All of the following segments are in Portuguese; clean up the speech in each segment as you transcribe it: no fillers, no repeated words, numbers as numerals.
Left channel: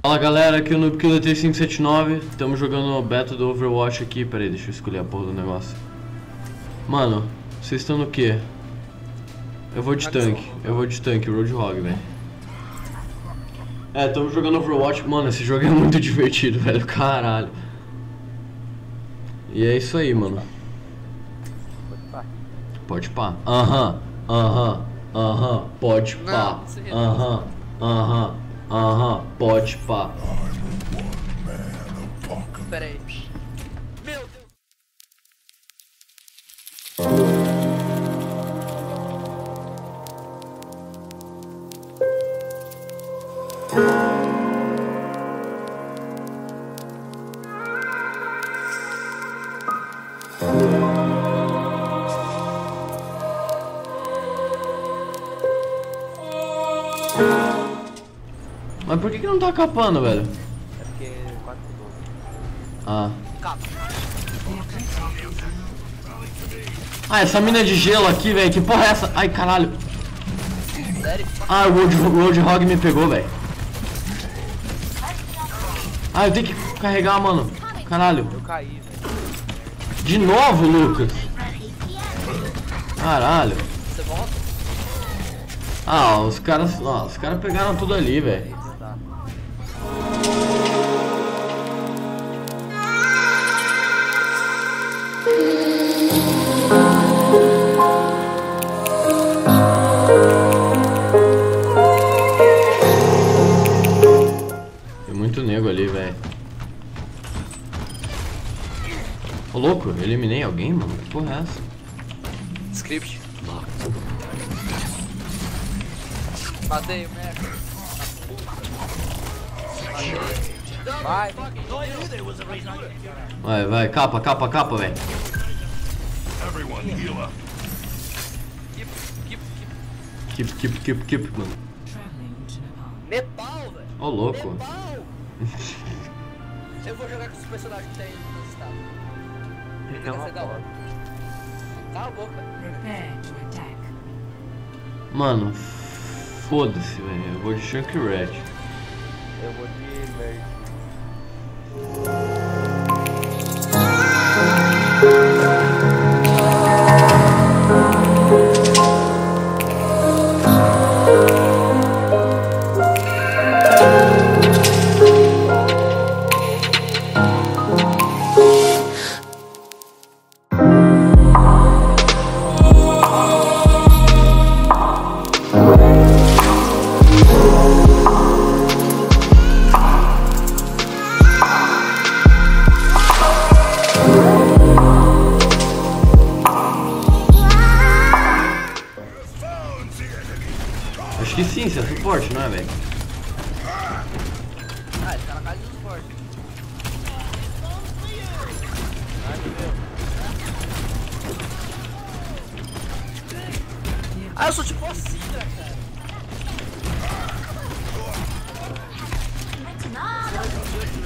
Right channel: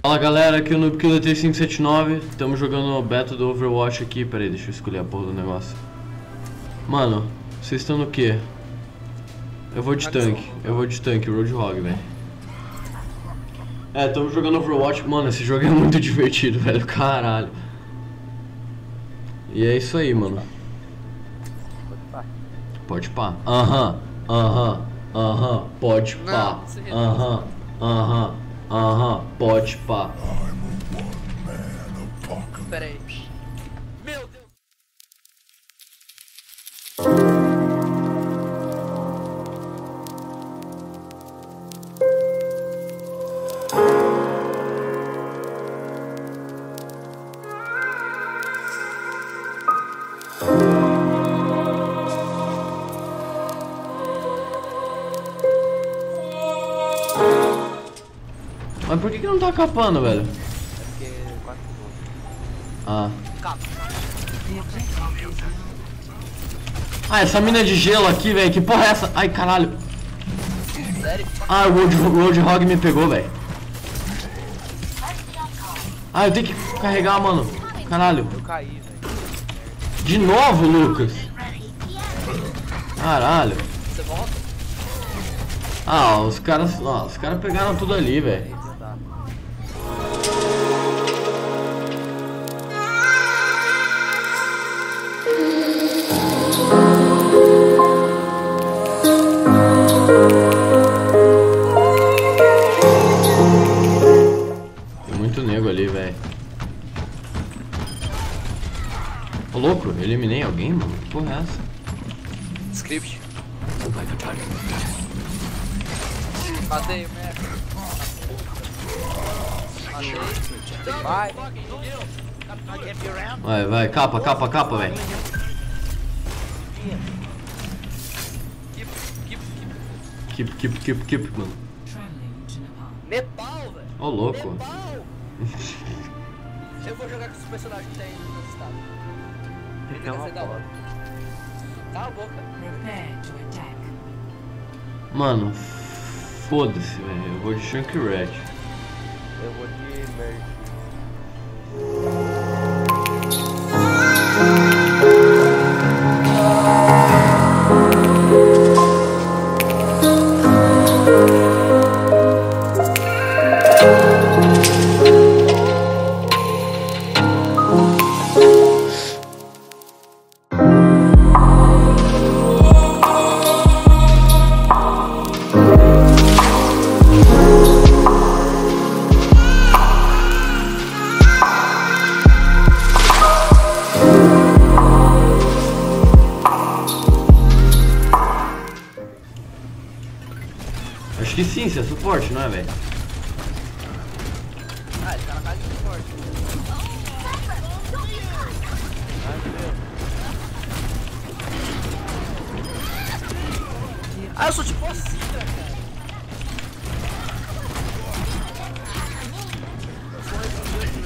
Fala galera, aqui é o NoobKiller 3579. Estamos jogando o beta do Overwatch aqui. Pera aí, deixa eu escolher a porra do negócio. Mano, vocês estão no que? Eu vou de tanque, Roadhog, velho. Estamos jogando Overwatch. Mano, esse jogo é muito divertido, velho, caralho. E é isso aí, mano. Pode pá. Aham, pode pá. Aham, pode pá. Pera aí. Meu Deus. Mas por que não tá capando, velho? É porque 4 segundos. Ah. Capa. Ah, essa mina de gelo aqui, velho. Que porra é essa? Ai, caralho. Sério? Ah, o Roadhog me pegou, velho. Ah, eu tenho que carregar, mano. Caralho. Eu caí, velho. De novo, Lucas? Caralho. Você volta? Ah, os caras pegaram tudo ali, velho. Tá. Tem muito nego ali, velho. Ô, louco, eu eliminei alguém, mano? Que porra é essa? Script. Matei o Mac. Matei. Vai. Vai, capa, velho. Keep, mano. Nepal, velho. Ô, louco. Nepal. Eu vou jogar com os personagens que tem nos estados. Vai ser da hora. Cala a boca. Mano, foda-se, velho. Eu vou de Junkrat. Eu vou de Merge. Acho que sim, isso é suporte, não é, velho? Ah, ele tá na casa de suporte. Ai, meu Deus. Ah, eu sou tipo a Sidra, cara.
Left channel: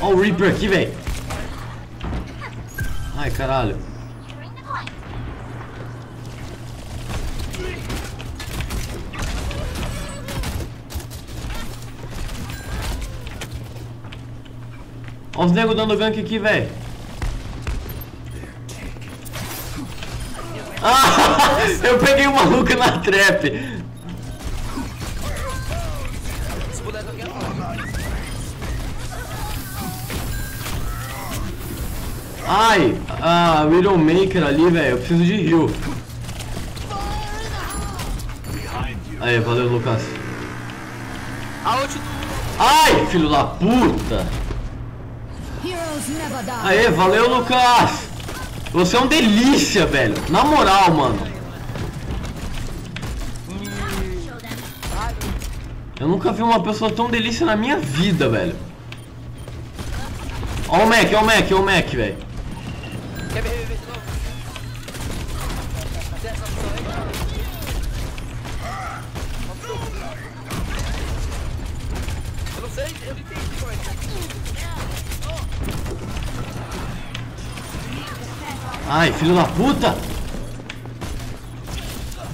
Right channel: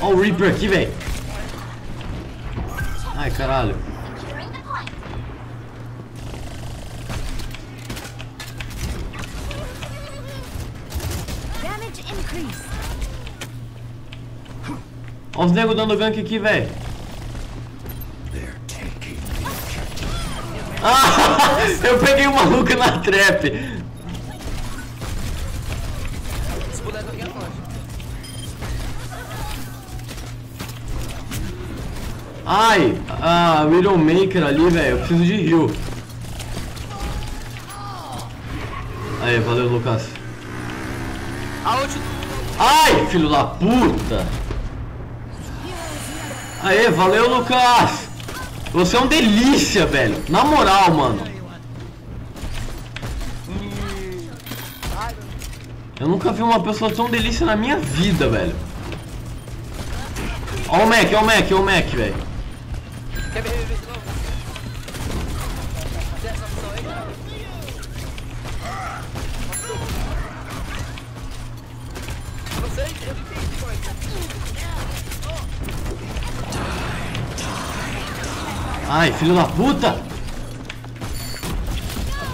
Ó o Reaper aqui, velho. Ai, caralho. Ó os nego dando gank aqui, velho. Ah, eu peguei o maluco na trap. Esse boneco aqui é forte. Ai, a Widowmaker ali, velho. Eu preciso de heal. Aí, valeu, Lucas. A ult do... Ai, filho da puta. Aê, valeu, Lucas. Você é um delícia, velho. Na moral, mano. Eu nunca vi uma pessoa tão delícia na minha vida, velho. Ó o Mac, velho. Quer me reviver de novo? Tem essa opção aí, cara? Eu não sei, eu não entendi como é que é. Ai, filho da puta.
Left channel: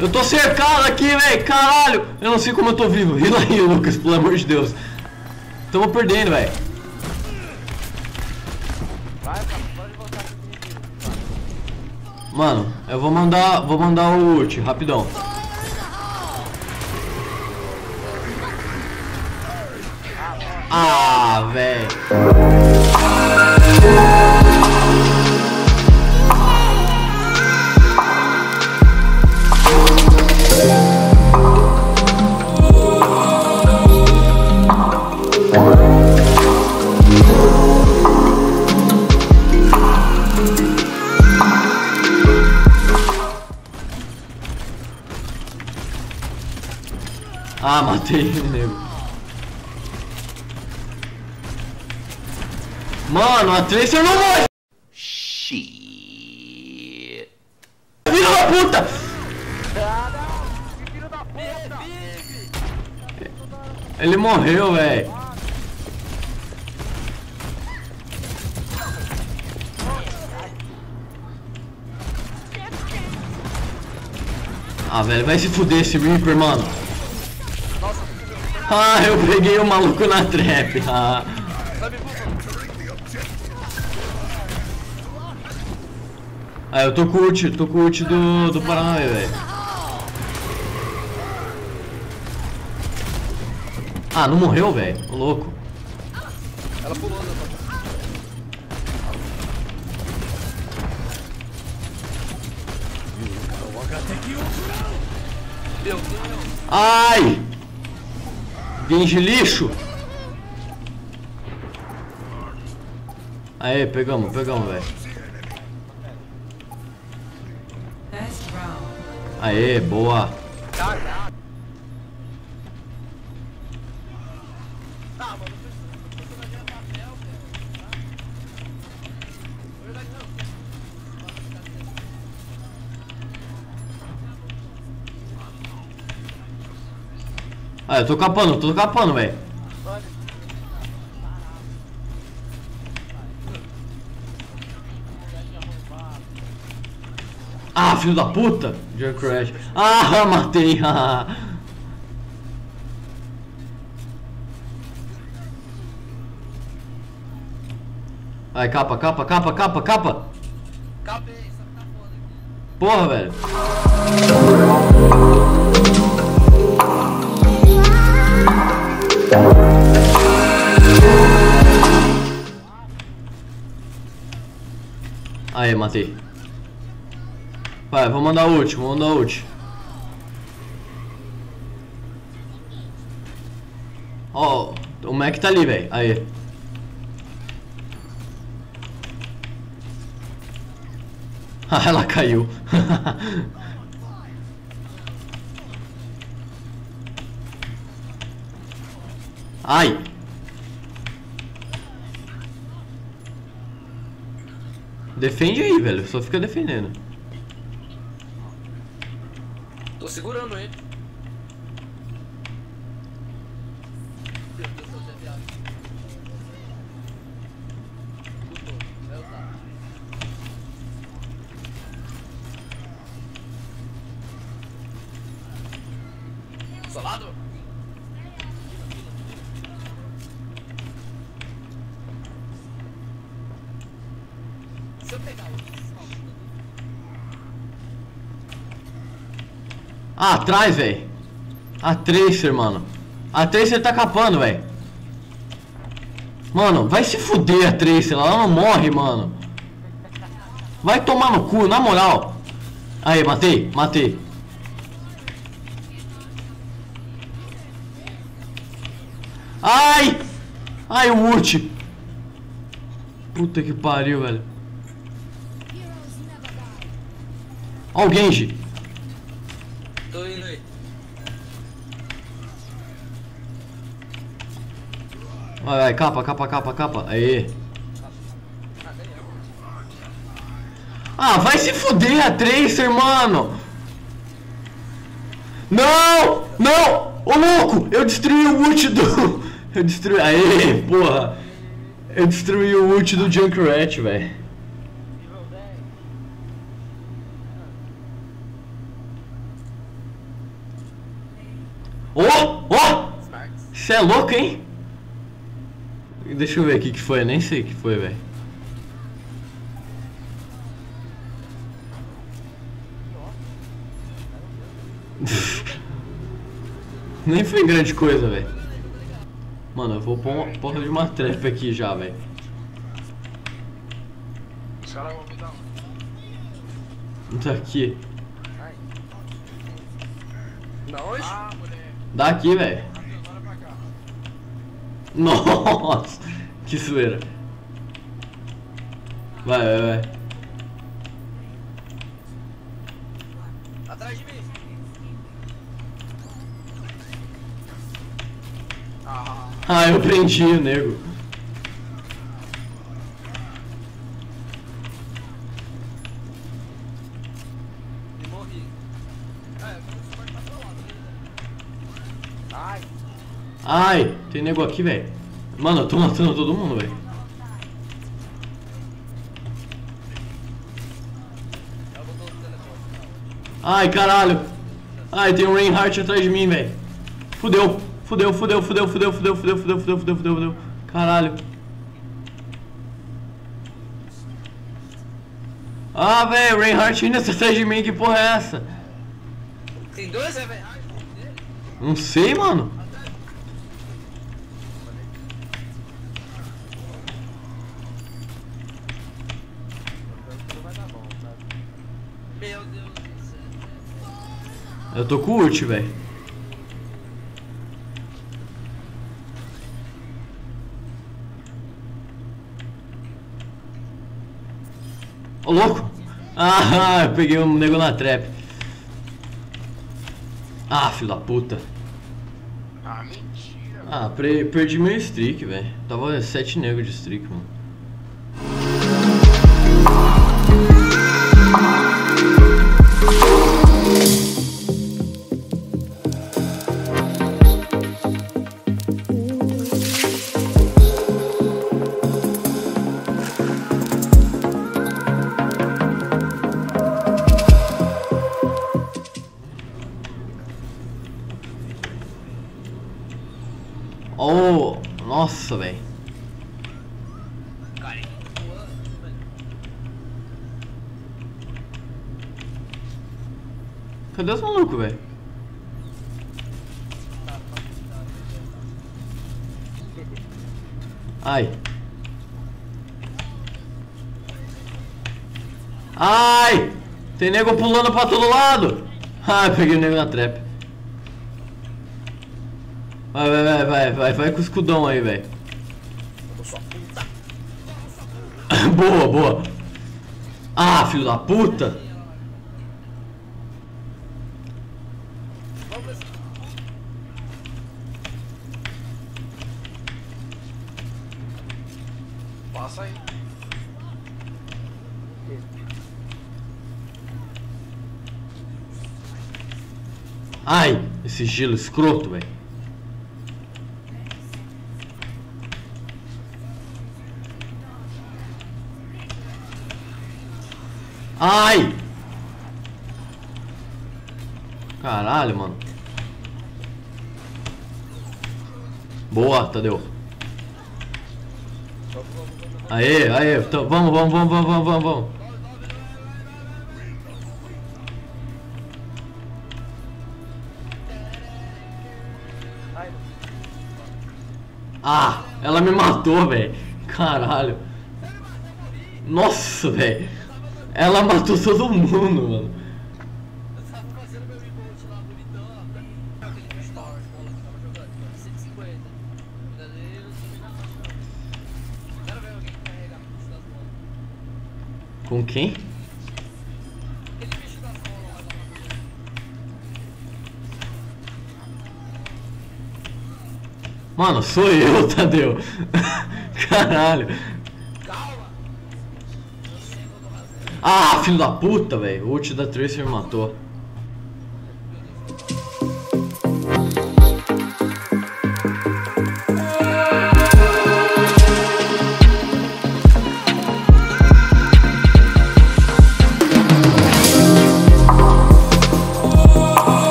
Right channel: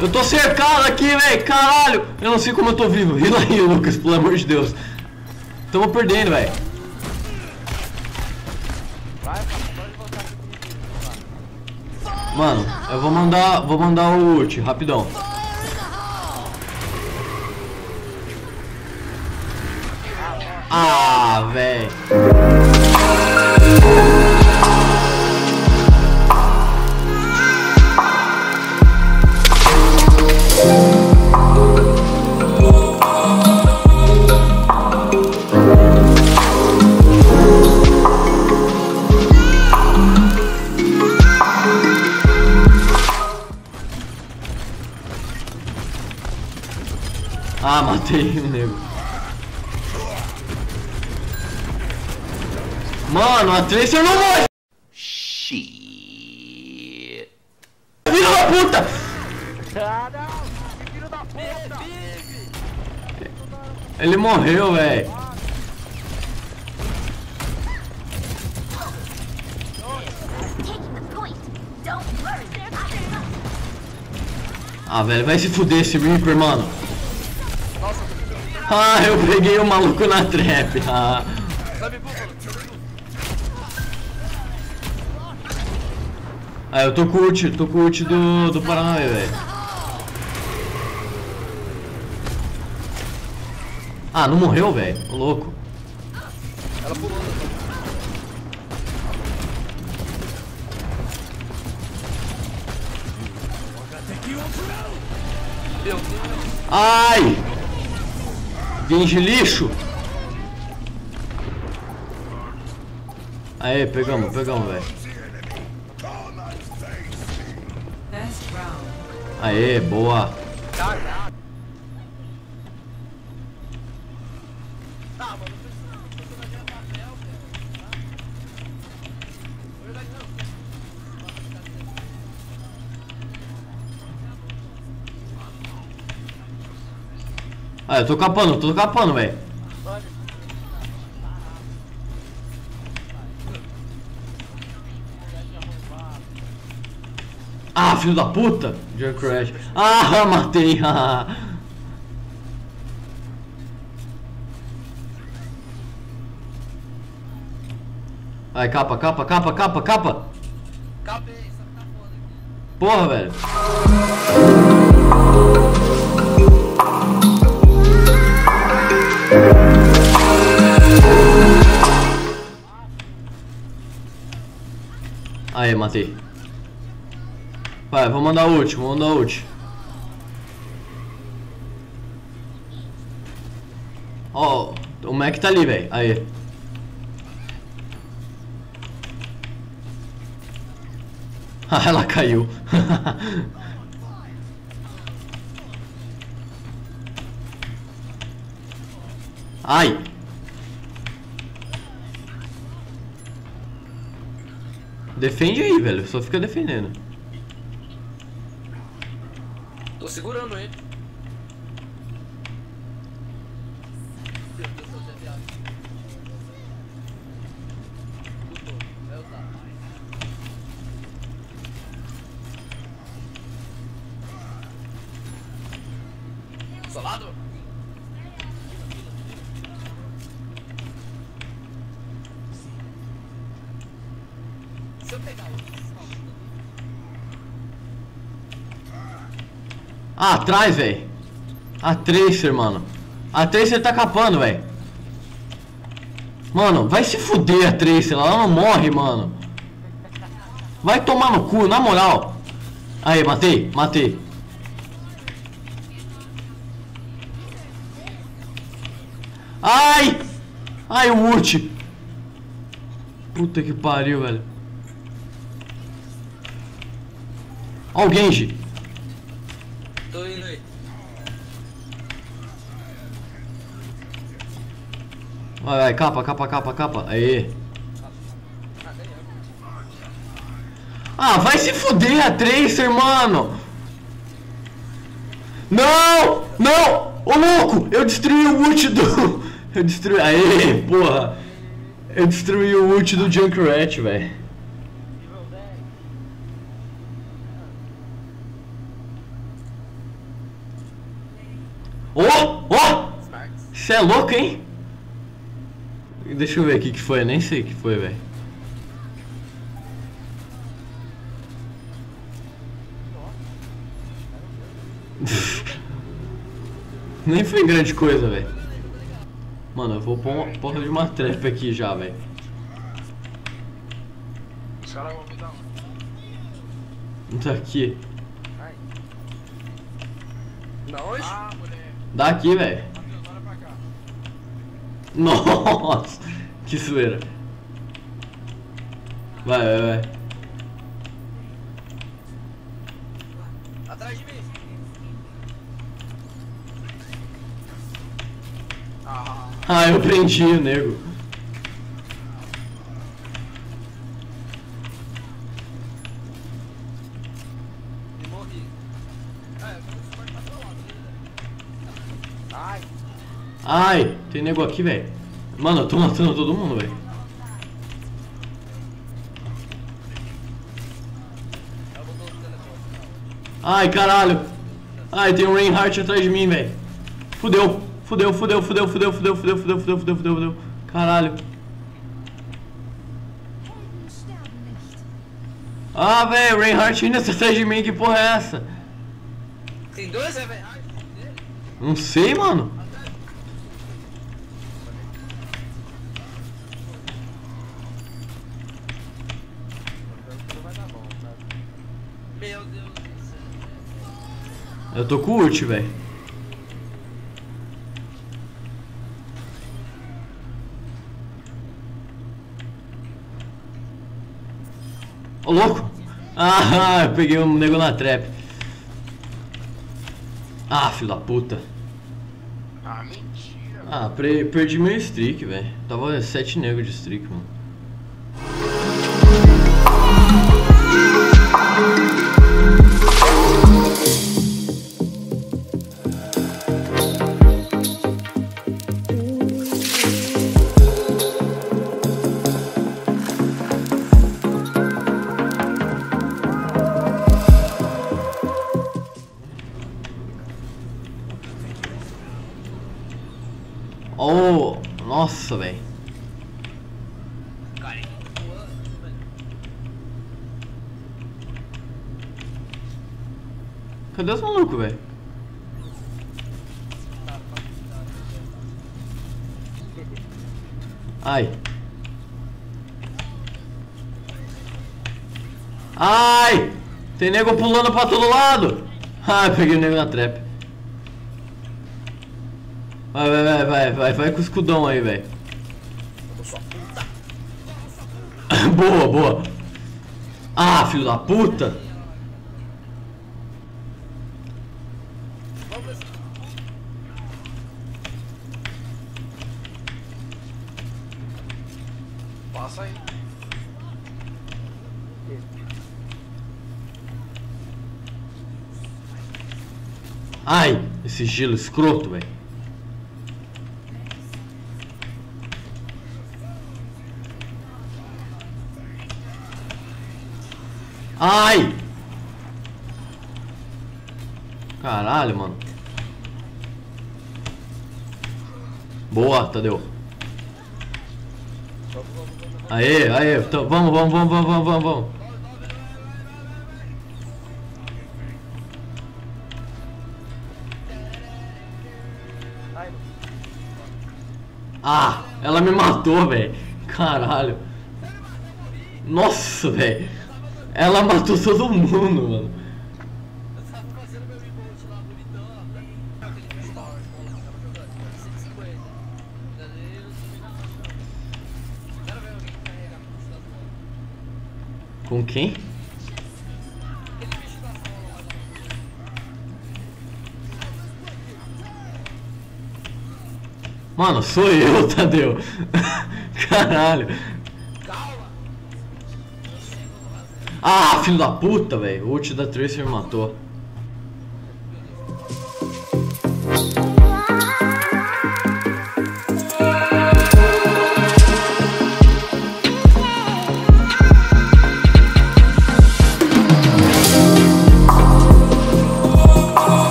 Eu tô cercado aqui, velho. Caralho. Eu não sei como eu tô vivo. Rila aí, Lucas, pelo amor de Deus. Tamo perdendo, velho. Vai, cara, pode voltar pro inimigo. Mano, eu vou mandar o ult, rapidão. Ah, velho. Ah, matei o nego. Mano, a Tracer não morre! Shit. Filho da puta! Ah, não! Que filho da puta! Ele morreu, velho. Ah, velho, vai se fuder esse Reaper, mano. Ah, eu peguei o maluco na trap. Ah. Ah, eu tô com o ult do Paranauê, velho. Ah, não morreu, velho? Ô louco. Ela pulou, né? Ai! Genji lixo! Aê, pegamos, velho. Aê, boa. Ah, eu tô capando, velho. Ah, filho da puta! Junkrat. Ah, matei. Ai, capa. Capei, só que tá foda aqui. Porra, velho. Aí, matei. Vai, vou mandar ult, Ó, o Mac tá ali, velho. Aí. Ah, ela caiu. Ai. Defende aí, velho. Só fica defendendo. Tô segurando ele. Isolado? Se eu pegar o... Ah, atrás, velho. A Tracer, mano. A Tracer tá capando, velho. Mano, vai se fuder a Tracer. Ela não morre, mano. Vai tomar no cu, na moral. Aí, matei. Ai! Ai, o ult. Puta que pariu, velho. Ó o Genji. Tô indo aí. Vai, capa. Aê. Ah, vai se fuder a Tracer, mano. Não! Ô louco! Eu destruí o ult do... Aê, porra. Eu destruí o ult do Junkrat, velho. Ó! Cê é louco, hein? Deixa eu ver o que foi, nem sei o que foi, velho. Nem foi grande coisa, velho. Mano, eu vou pôr uma porra de uma trap aqui já, velho. Os caras vão me dar um. Tá aqui. Ai. Da onde? Ah, moleque. Daqui, velho. Matheus, olha pra cá. Nossa, que zoeira. Vai, vai, vai. Atrás de mim. Ah, eu prendi o nego. E morri. Ah, eu quero suporte pra outro lado, beleza? Ai. Ai, tem nego aqui, velho. Mano, eu tô matando todo mundo, velho. Eu vou no teleporte. Ai, caralho. Ai, tem um Reinhardt atrás de mim, velho. Fudeu. Fudeu, fudeu, fudeu, fudeu, fudeu, fudeu, fudeu, fudeu, fudeu, fudeu, fudeu. Caralho. Ah, velho, o Reinhardt ainda tá atrás de mim, que porra é essa? Tem dois, é, velho? Ai, dele. Não sei, mano. Não vai dar bom, tá? Meu Deus do céu. Eu tô com ult, velho. Ô, louco! Ah, eu peguei um nego na trap. Ah, filho da puta. Ah, mentira. Ah, perdi meu streak, velho. Tava 7 negros de streak, mano. Oh, nossa, velho. Cara, ele tá voando, velho. Cadê os malucos, velho? Ai. Ai! Tem nego pulando pra todo lado! Ah, peguei o nego na trap. Vai com o escudão aí, velho. Eu sou puta. Boa, boa. Ah, filho da puta. Vamos ver se... Passa aí. Ai, esse gelo escroto, velho. Ai! Caralho, mano. Boa, Tadeu. Aê, aê, então, vamos. Ai, Ah, ela me matou, velho. Caralho. Nossa, velho. Ela matou todo mundo, mano. Eu tava fazendo meu remote lá, bonitão, ó. Aquele bicho da hora, bola que eu tava jogando. 150. Ainda dei eu subi na faixa. Quero ver alguém carregar com isso das bolas. Com quem? Aquele bicho das bolas lá da Mano, sou eu, Tadeu. Caralho. Calma! Eu sei o que eu tô fazendo. Ah, filho da puta, velho. O ult da Tracer me matou.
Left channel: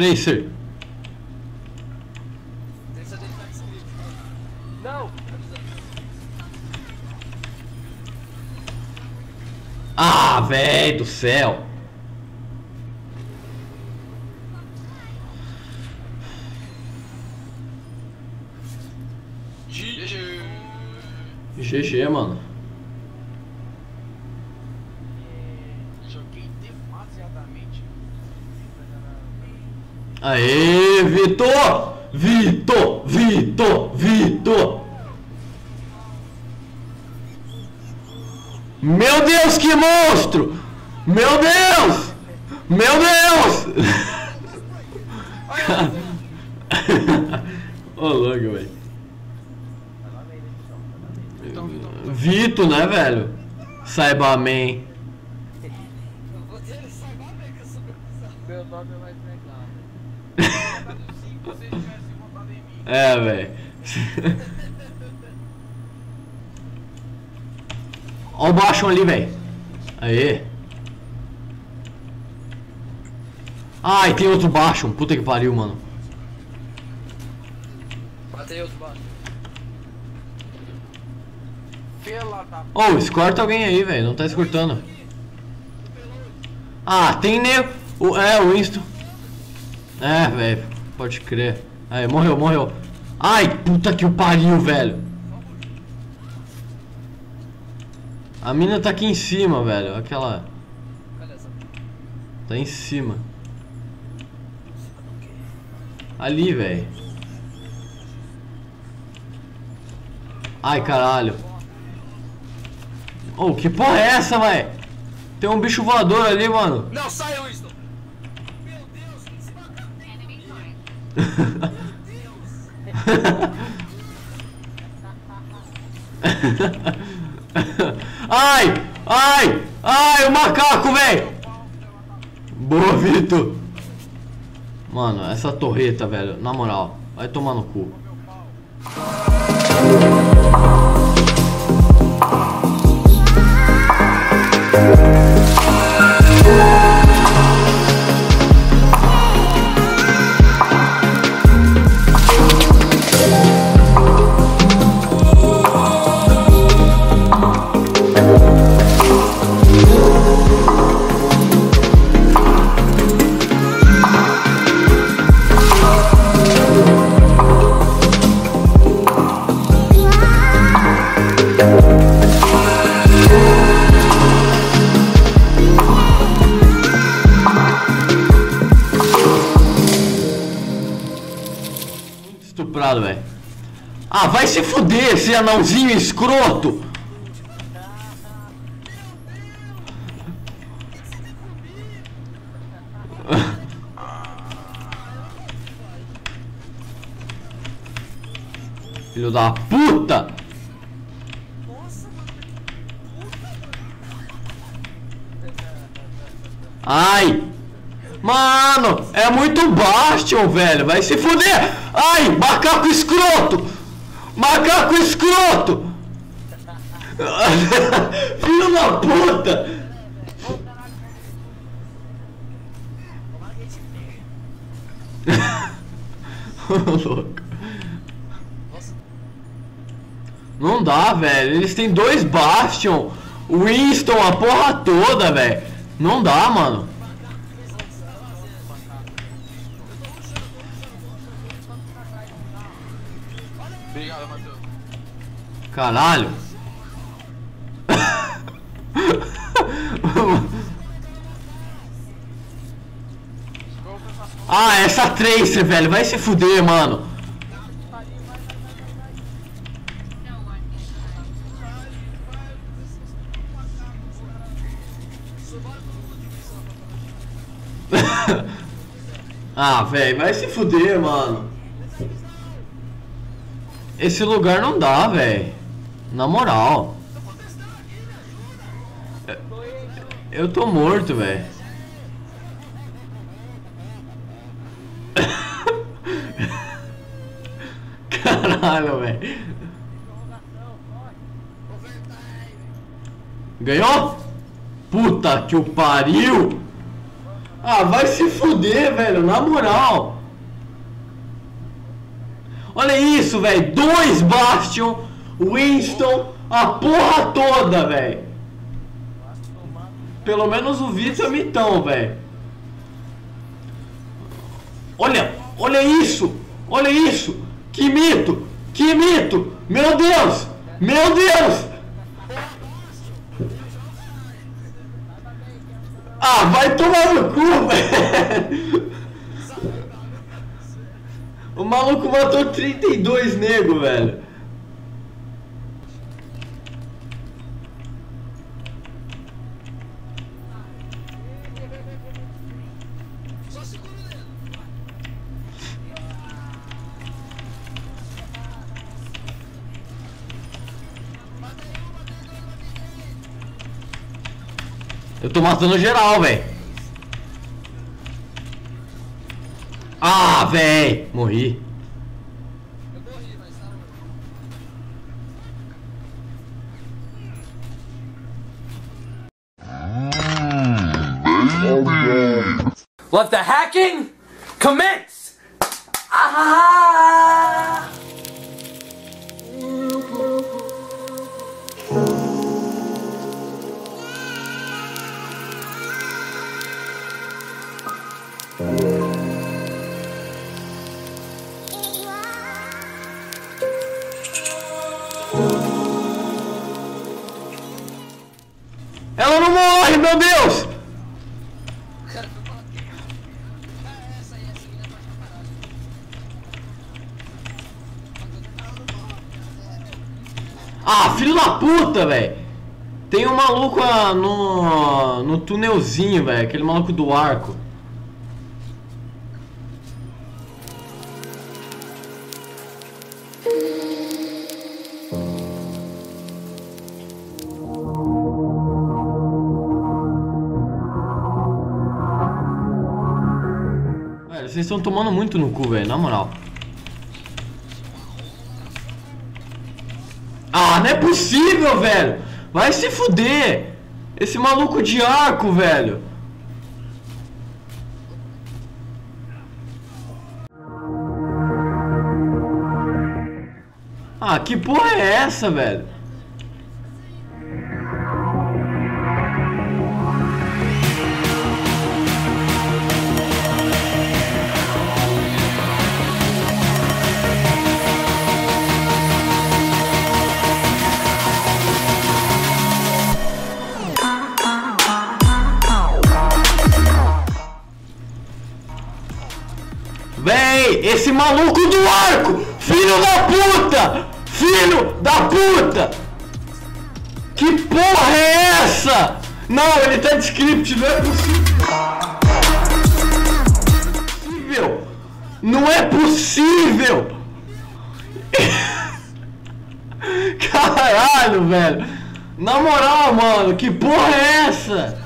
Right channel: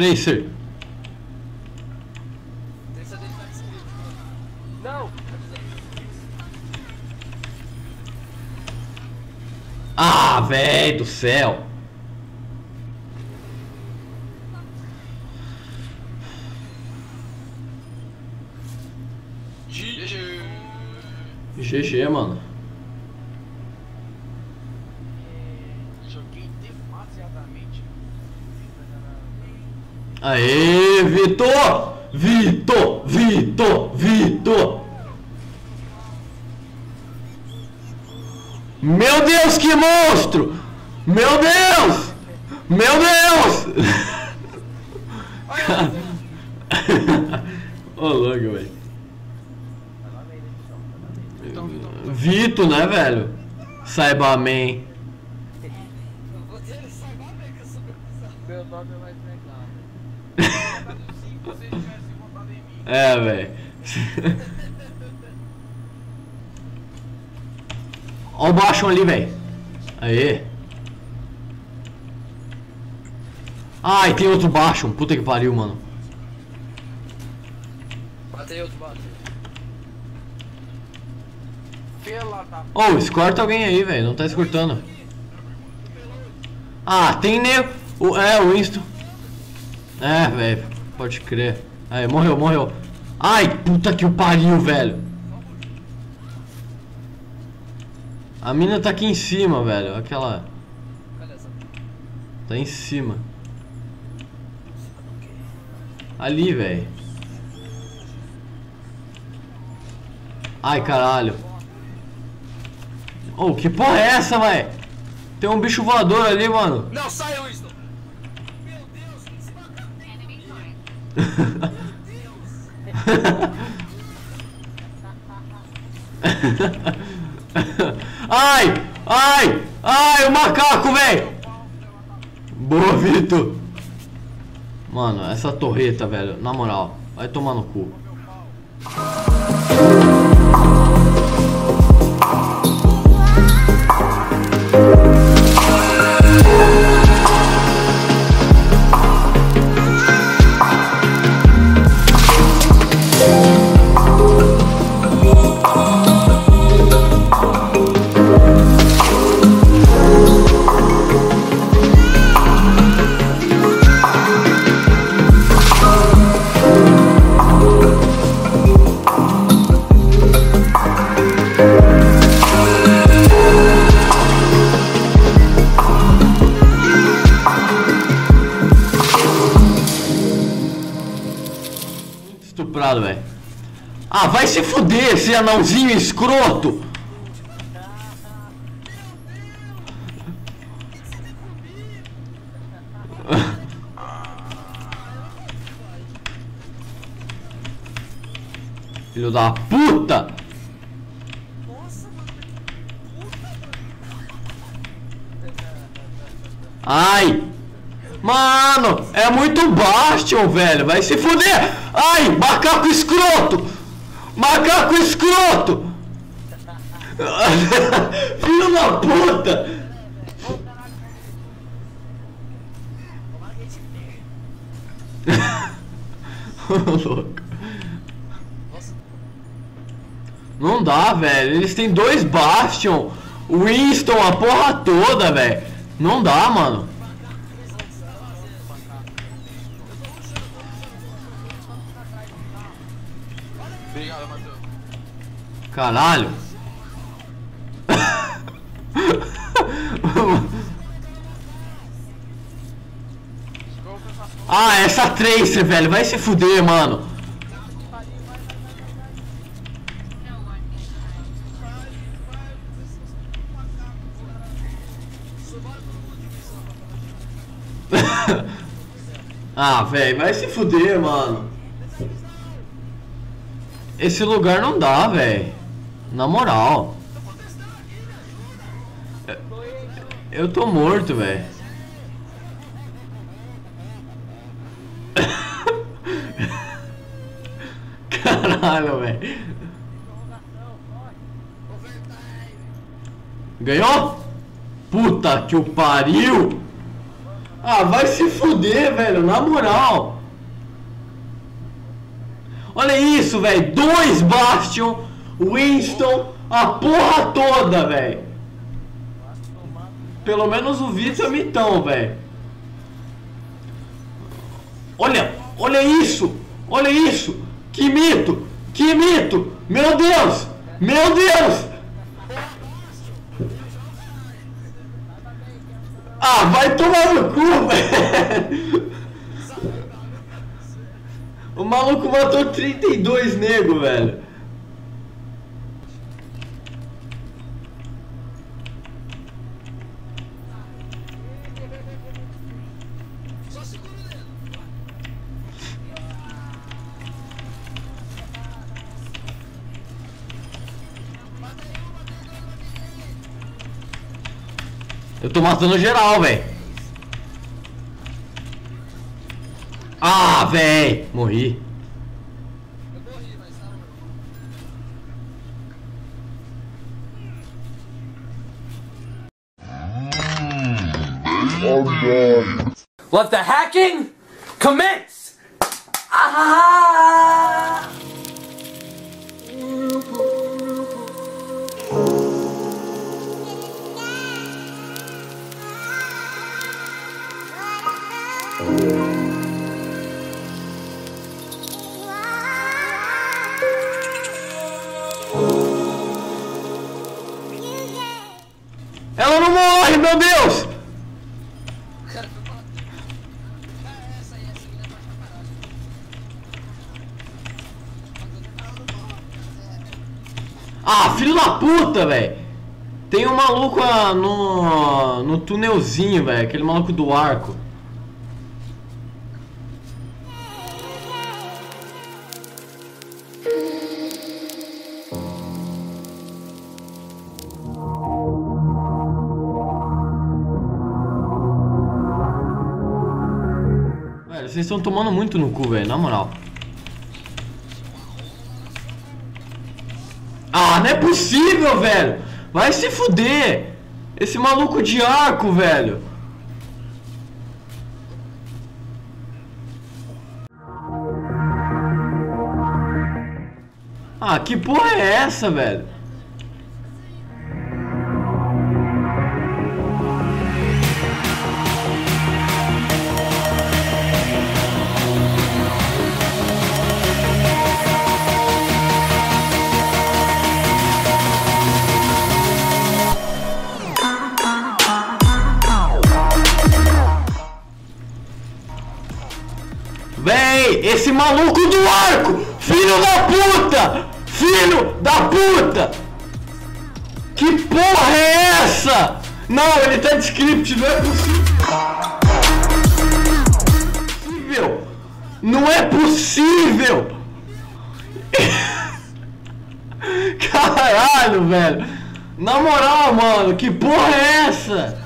Tracer. Tracer dele tá inscrito. Não! Ah, velho do céu. GG, mano. Joguei demasiadamente. Aê, Vitor! Vitor! Vitor! Vitor! Meu Deus, que monstro! Meu Deus! Meu Deus! Ô, louco, velho. Vitor, né, velho? Saiba amém. Você sabe bem que eu sou meu bizarro. Meu nome é mais legal. Se vocês tivessem votado em mim. É, velho. Ó o baixo ali, velho. Aê. Ai, tem outro baixo. Puta que pariu, mano. Matei outro baixo. Pela da Ô, escorta alguém aí, velho. Não tá escortando. Ah, tem o Winston. É, velho. Pode crer. Aí, morreu, morreu. Ai, puta que o pariu, velho. A mina tá aqui em cima, velho. Aquela. Cadê essa? Tá em cima. Ali, velho. Ai, caralho. Oh, que porra é essa, velho? Tem um bicho voador ali, mano. Não, sai, Winston! Meu Deus, esse macaco tem Ai! Ai! Ai, o macaco, velho! Boa, Vitor! Mano, essa torreta, velho, na moral, vai tomar no cu. Estuprado, velho. Ah, vai se fuder, esse anãozinho escroto! Filho da puta! Ai! Mano, é muito Bastion, velho. Vai se fuder! Ai, macaco escroto! Macaco escroto! Filho da puta! Louco. Não dá, velho. Eles têm dois Bastion. Winston, a porra toda, velho. Não dá, mano. Obrigado, Matheus. Caralho. Ah, essa Tracer, velho. Vai se fuder, mano. Ah, velho, vai se fuder, mano. Esse lugar não dá, velho. Na moral. Eu tô morto, velho. Caralho, velho. Ganhou? Puta que o pariu! Ah, vai se fuder, velho, na moral. Olha isso, velho. 2 Bastion, Winston, a porra toda, velho. Pelo menos o Vitor é mitão, velho. Olha isso. Olha isso. Que mito. Que mito. Meu Deus. Meu Deus. Ah, vai tomar no cu, velho. O maluco matou 32 nego, velho. Só segura o dedo. Eu tô matando geral, velho. Ah, velho. Morri. Eu morri, mas tá bom. Let the hacking commence! Ah! Ela não morre, meu Deus! Cara, foi pra... essa aí, essa menina pode parar. Ah, filho da puta, velho! Tem um maluco no túnelzinho, velho. Aquele maluco do arco. Velho, vocês estão tomando muito no cu, velho. Na moral. Ah, não é possível, velho! Vai se fuder! Esse maluco de arco, velho! Ah, que porra é essa, velho? Véi, esse maluco do arco! Filho da puta! Filho da puta! Que porra é essa? Não, ele tá de script, não é possível! Não é possível! Caralho, velho! Na moral, mano, que porra é essa?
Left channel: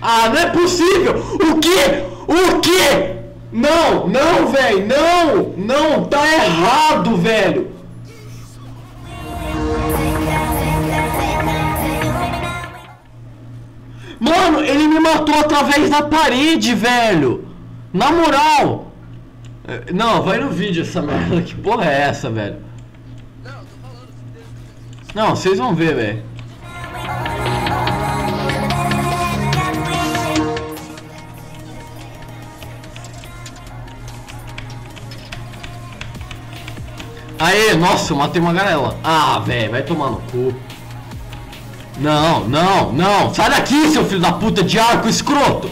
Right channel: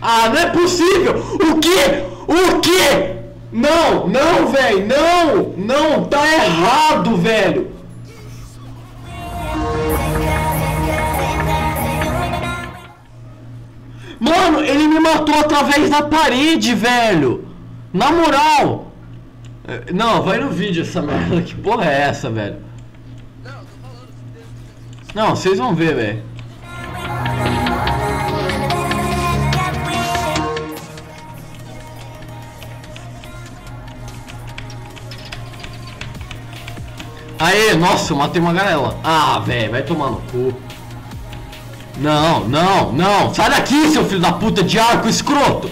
Ah, não é possível! O quê? O quê? Não, não, velho, não! Não, tá errado, velho! Mano, ele me matou através da parede, velho! Na moral! Não, vai no vídeo essa merda, que porra é essa, velho? Não, tô falando. Não, vocês vão ver, velho. Aê, nossa, eu matei uma garela. Ah, velho, vai tomar no cu. Não, não, não. Sai daqui, seu filho da puta de arco escroto.